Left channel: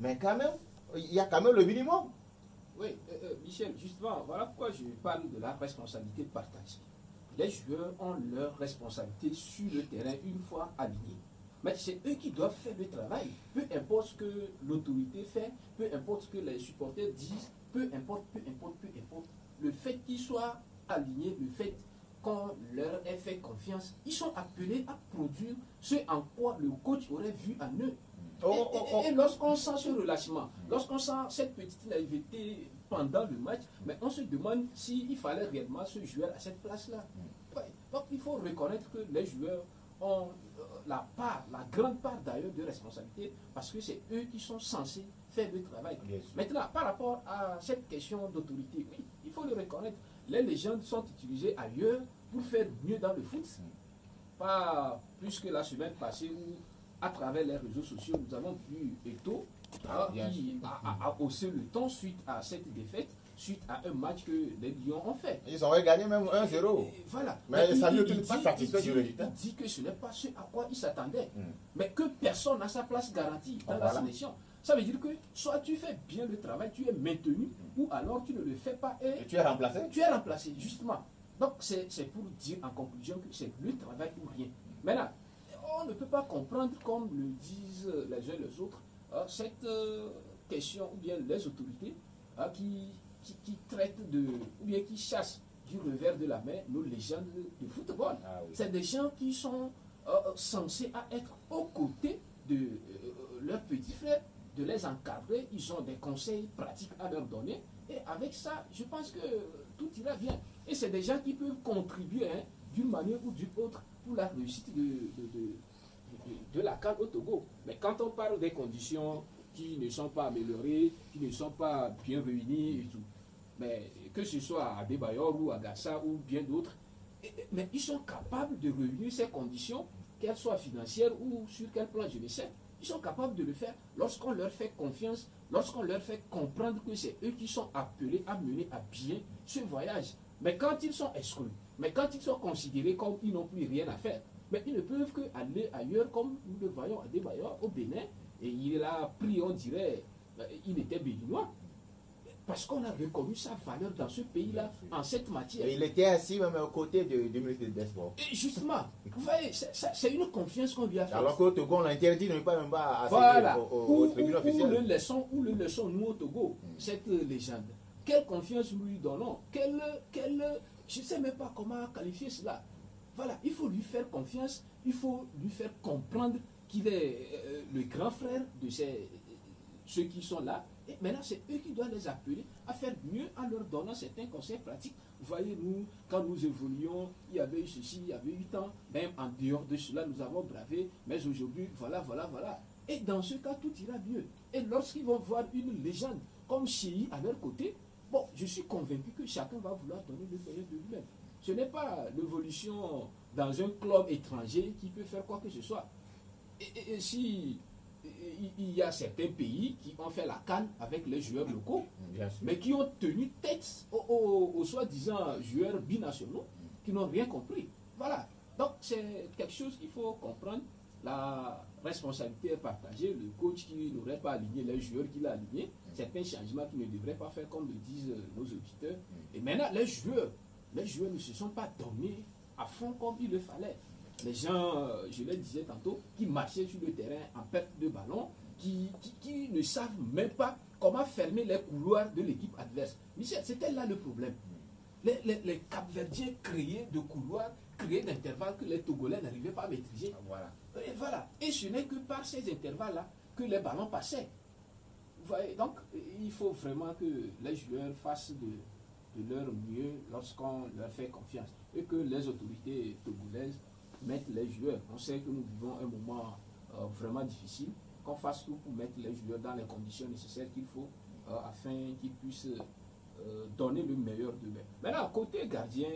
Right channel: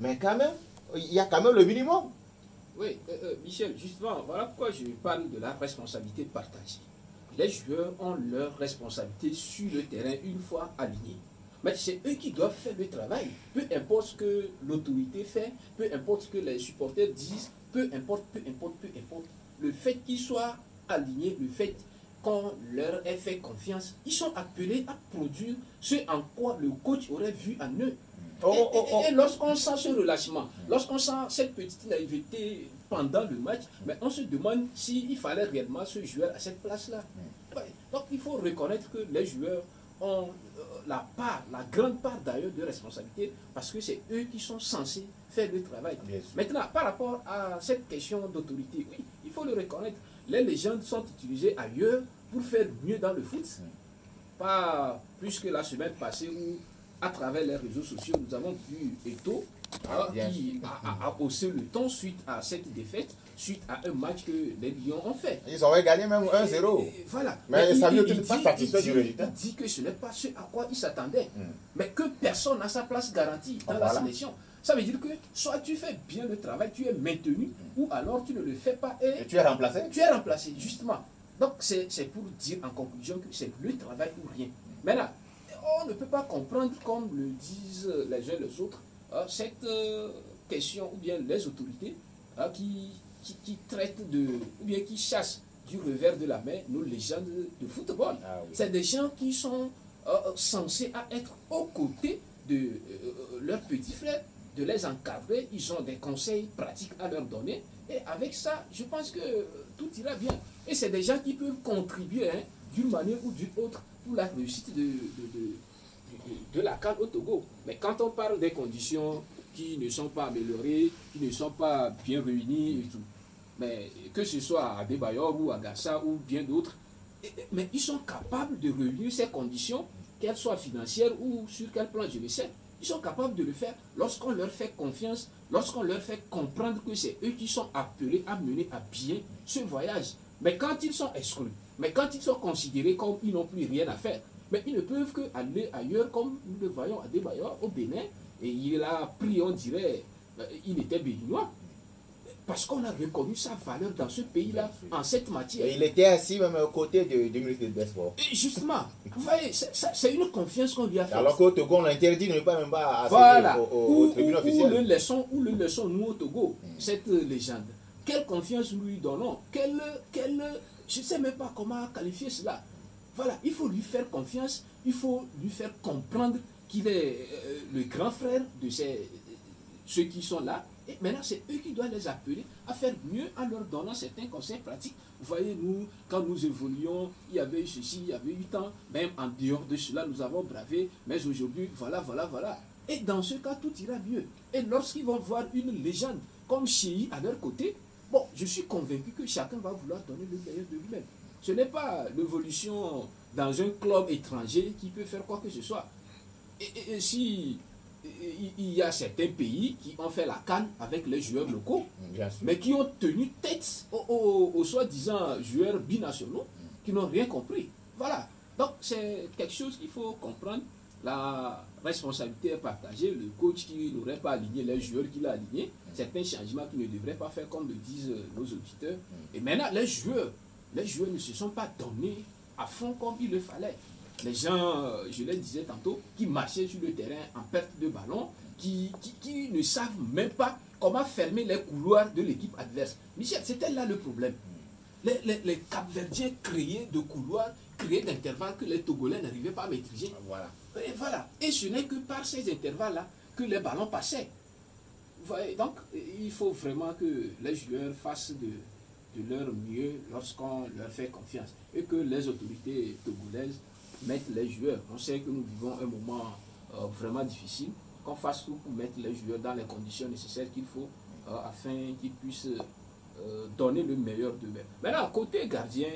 Mais quand même, il y a quand même le minimum. Oui, Michel, justement, voilà pourquoi je parle de la responsabilité partagée. Les joueurs ont leur responsabilité sur le terrain une fois alignés. Mais c'est eux qui doivent faire le travail. Peu importe ce que l'autorité fait, peu importe ce que les supporters disent, peu importe. Le fait qu'ils soient alignés, le fait qu'on leur ait fait confiance, ils sont appelés à produire ce en quoi le coach aurait vu en eux. Et lorsqu'on sent ce relâchement, lorsqu'on sent cette petite naïveté pendant le match, mais on se demande s'il fallait réellement ce joueur à cette place-là. Donc il faut reconnaître que les joueurs ont la grande part d'ailleurs de responsabilité, parce que c'est eux qui sont censés faire le travail. Maintenant, par rapport à cette question d'autorité, oui, il faut le reconnaître, les légendes sont utilisées ailleurs pour faire mieux dans le foot. Pas plus que la semaine passée où, à travers les réseaux sociaux, nous avons vu Eto'o qui a haussé le ton suite à cette défaite, suite à un match que les Lions ont fait. Ils auraient gagné même 1-0. Voilà. Mais ça ne n'est pas satisfait du résultat. Il dit que ce n'est pas ce à quoi il s'attendait. Mais que personne n'a sa place garantie dans la sélection. Ça veut dire que soit tu fais bien le travail, tu es maintenu, ou alors tu ne le fais pas et tu es remplacé. Tu es remplacé, justement. Donc c'est pour dire en conclusion que c'est le travail ou rien. Maintenant, on ne peut pas comprendre, comme le disent les uns et les autres, cette question, ou bien les autorités qui traitent de, ou bien qui chassent du revers de la main nos légendes de football. C'est des gens qui sont censés être aux côtés de leurs petits frères, de les encadrer. Ils ont des conseils pratiques à leur donner. Et avec ça, je pense que tout ira bien. Et c'est des gens qui peuvent contribuer d'une manière ou d'une autre pour la réussite de la CAN au Togo. Mais quand on parle des conditions qui ne sont pas améliorées, qui ne sont pas bien réunies et tout, mais que ce soit à Adebayor ou à Gassa ou bien d'autres, mais ils sont capables de réunir ces conditions, qu'elles soient financières ou sur quel plan, je le sais. Ils sont capables de le faire lorsqu'on leur fait confiance, lorsqu'on leur fait comprendre que c'est eux qui sont appelés à mener à bien ce voyage. Mais quand ils sont exclus, mais quand ils sont considérés comme ils n'ont plus rien à faire, mais ils ne peuvent qu'aller ailleurs, comme nous le voyons à Adebayor au Bénin, et il a pris, on dirait, il était béninois, parce qu'on a reconnu sa valeur dans ce pays-là, en cette matière. Et il était assis même aux côtés du ministre des Sports. Justement, vous voyez, c'est une confiance qu'on lui a faite. Alors qu'au Togo, on l'interdit de ne pas même pas voilà. au tribunal officiel. Où le laissons, nous, au Togo, cette légende. Quelle confiance nous lui donnons? Je ne sais même pas comment qualifier cela. Voilà, il faut lui faire confiance, il faut lui faire comprendre qu'il est le grand frère de ceux qui sont là. Et maintenant, c'est eux qui doivent les appeler à faire mieux en leur donnant certains conseils pratiques. Vous voyez, nous, quand nous évoluions, il y avait eu ceci, il y avait eu tant, même en dehors de cela, nous avons bravé, mais aujourd'hui, voilà. Et dans ce cas, tout ira mieux. Et lorsqu'ils vont voir une légende comme Chéhi à leur côté, bon, je suis convaincu que chacun va vouloir donner le meilleur de lui-même. Ce n'est pas l'évolution dans un club étranger qui peut faire quoi que ce soit. Et si il y a certains pays qui ont fait la CAN avec les joueurs locaux, mais qui ont tenu tête aux soi-disant joueurs binationaux qui n'ont rien compris. Voilà. Donc c'est quelque chose qu'il faut comprendre. La responsabilité est partagée. Le coach qui n'aurait pas aligné les joueurs qu'il a alignés, certains changements qu'il ne devrait pas faire, comme le disent nos auditeurs. Et maintenant, les joueurs ne se sont pas donnés à fond comme il le fallait. Les gens, je le disais tantôt, qui marchaient sur le terrain en perte de ballon, qui ne savent même pas comment fermer les couloirs de l'équipe adverse. Michel, c'était là le problème. Les Cap-Verdiens créaient de couloirs, créaient d'intervalles que les Togolais n'arrivaient pas à maîtriser. Voilà. Et ce n'est que par ces intervalles-là que les ballons passaient. Vous voyez, donc, il faut vraiment que les joueurs fassent de leur mieux lorsqu'on leur fait confiance. Et que les autorités togolaises mettre les joueurs. On sait que nous vivons un moment vraiment difficile, qu'on fasse tout pour mettre les joueurs dans les conditions nécessaires qu'il faut afin qu'ils puissent donner le meilleur d'eux-mêmes. Maintenant, côté gardien,